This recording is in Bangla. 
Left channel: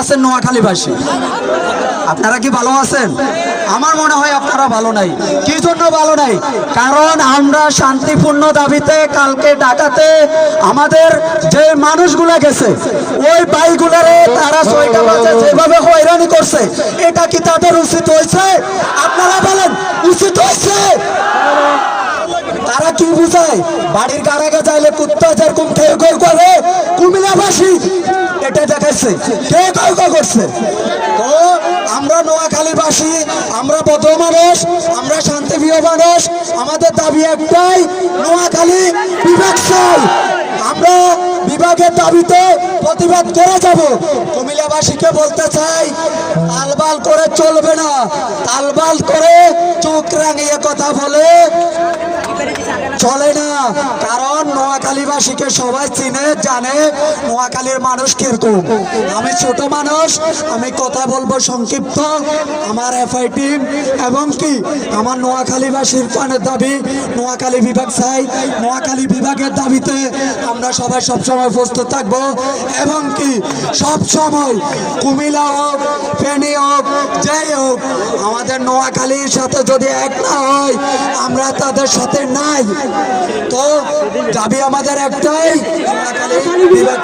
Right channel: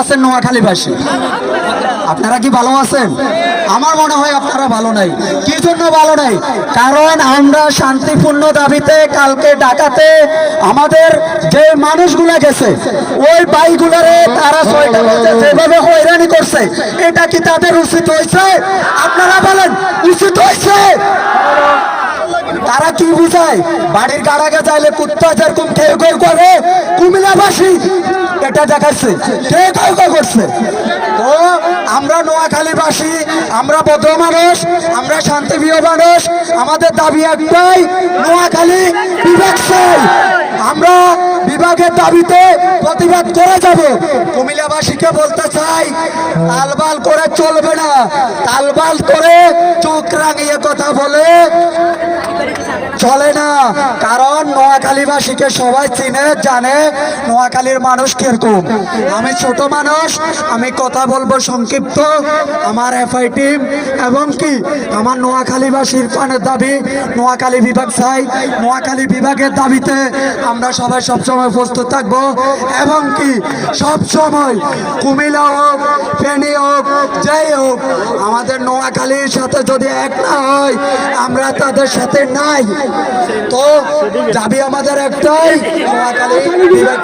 আছেন নোয়াখালীবাসী? আপনারা কি ভালো আছেন? আমার মনে হয় আপনারা ভালো নাই। কি জন্য ভালো নাই? কারণ আমরা শান্তিপূর্ণ দাবিতে কালকে ঢাকাতে আমাদের যে মানুষগুলা গেছে ওই বাইকগুলারে তারা ৬টা বাজে যেভাবে হয়রানি করছে, এটা কি তাদের উচিত হয়েছে? আপনারা বলেন উচিত হয়েছে? তারা কি বুঝায়? বাড়ির গাড়াকে চাইলে কুত্তা যেরকম কেউ কেউ করে, কুমিল্লাবাসী এটা দেখাচ্ছে কেউ কেউ কেউ করছে। তো আমরা নোয়াখালীবাসী, আমরা ভদ্র মানুষ, আমরা শান্তিপ্রিয় মানুষ, আমাদের দাবি একটাই, নোয়াখালী বিভাগ চাই। আমরা বিভাগের দাবিতে প্রতিবাদ করে যাব। কুমিল্লাবাসীকে বলতে চাই, তালবাল করে চলবে না। তালবাল করে চোখ রাঙিয়ে কথা বলে চলে না। কারণ নোয়াখালীবাসীকে সবাই চিনে জানে নোয়াখালীর মানুষ কিরকম। আমি ছোট মানুষ, আমি কথা বলবো সংক্ষিপ্ত। আমার এফআই টিম এবং কি আমার নোয়াখালীবাসীর প্রাণের দাবি নোয়াখালী বিভাগ চাই। নোয়াখালী বিভাগের দাবিতে আমরা সবাই সবসময় প্রস্তুত থাকবো এবং কি সবসময় কুমিল্লা হোক, ফেনী হোক, যাই হোক, আমাদের নোয়াখালীর সাথে যদি এক না হয় আমরা তাদের সাথে নাই। তো দাবি আমাদের একটাই, নোয়াখালী বিভাগ